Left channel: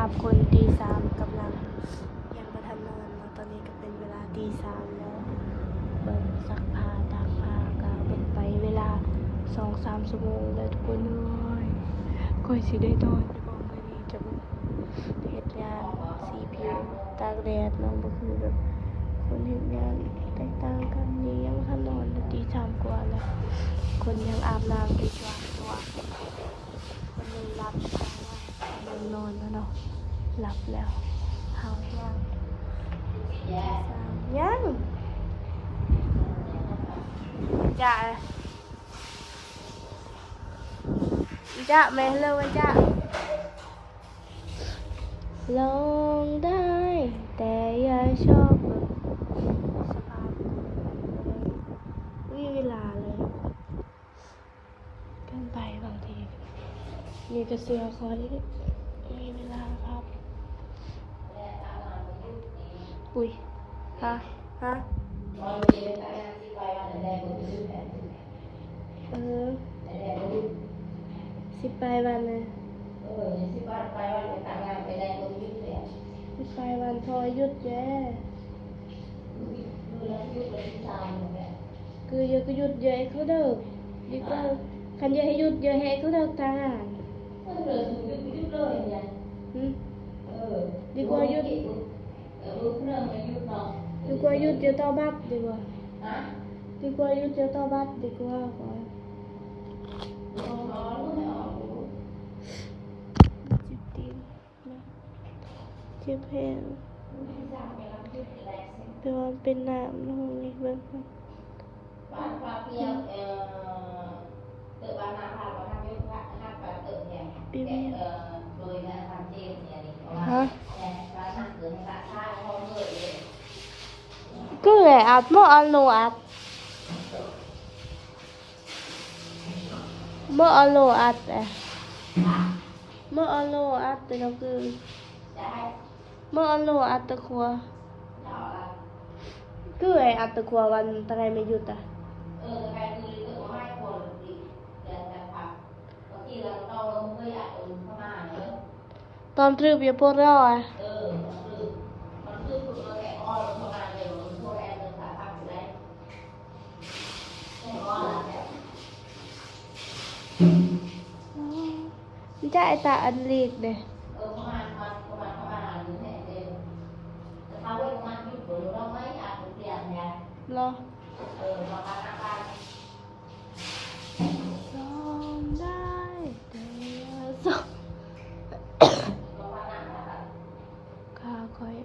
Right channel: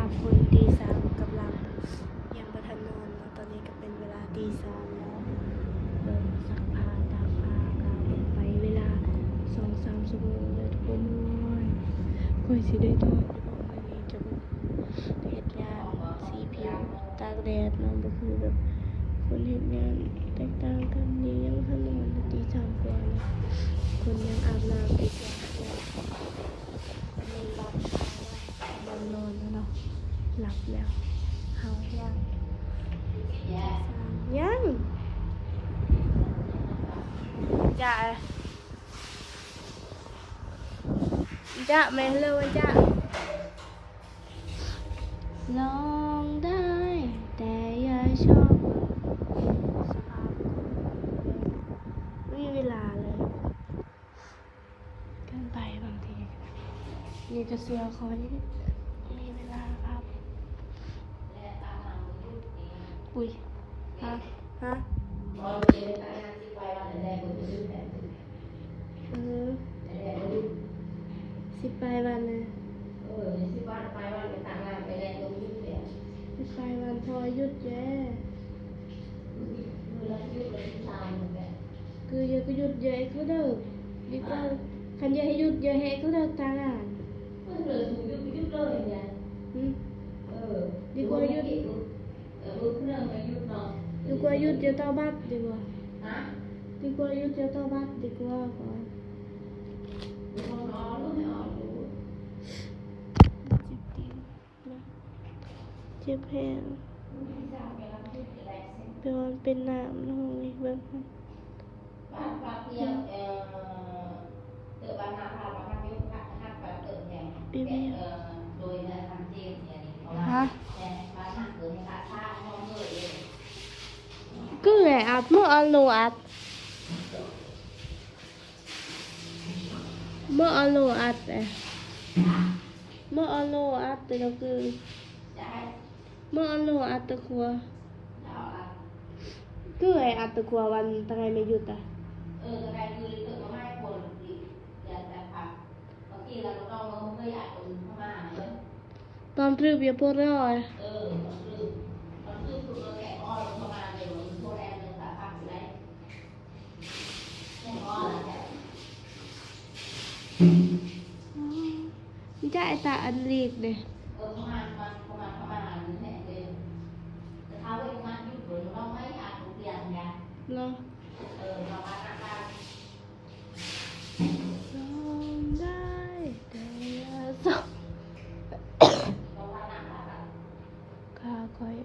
าพคนตีสามกำลังยังประทันนอนเนาะตอนนี้ก็เป็นเวลาตีสามแล้วเบิ่งซักผ้าตากผ้าก็เป็นไปเวลา2-3 ชั่วโมงแล้วทุกคนค่อยสิได้นอนอยู่บ่มื้อนี้จะเฮ็ดงานสีผิวตากแดดเนาะบ่คือแบบคนเฮ็ดงานแตกต่างกันนี่ยังทันนอนตีสามกว่าแล้วคนยังอาบน้ำดีกว่าตัวคนยังหลับยังนอนแล้วเนาะหลับแล้วเฮายังจะแม่เลยจะลองได้แต่อย่าชอบสภาพไม่มีเวลาเลยเกินไปบางทีมีแต่เสือคอยมีเวลาครับอุ้ยฮะสิไปวันเลยสิไปวันไปทำงานไปแรงลงยุดเลยสิไปวันพอยุดแย่คืออย่าก็หยุดเยอะเขาเด้อดีกว่าคันอย่าให้หยุดเยอะให้เขาเด้อทางอ่านดีกว่าหยุดดีกว่าหยุดเดี๋ยวต่อบัตรดีกว่าดีกว่าหยุดเดี๋ยวต่อบัตรดีกว่าเจ็บแผลแต่ว่าเป็นน้ำนู่นนี่เบิ่งปีเมียฮะก็เลยอัดเมื่ออันโลอัดเมื่ออันโลอัดเมื่ออันโลอัดแต่เราคือเมื่ออันโลอัดตะครัวก็เลยอัดตะครัววันตะไคร้ไม่หยุดอ่ะตอนทริปอย่าพูดร้อยจะไอตาอันลีกเด้รอลองได้แต่อย่าส่งข้าคอย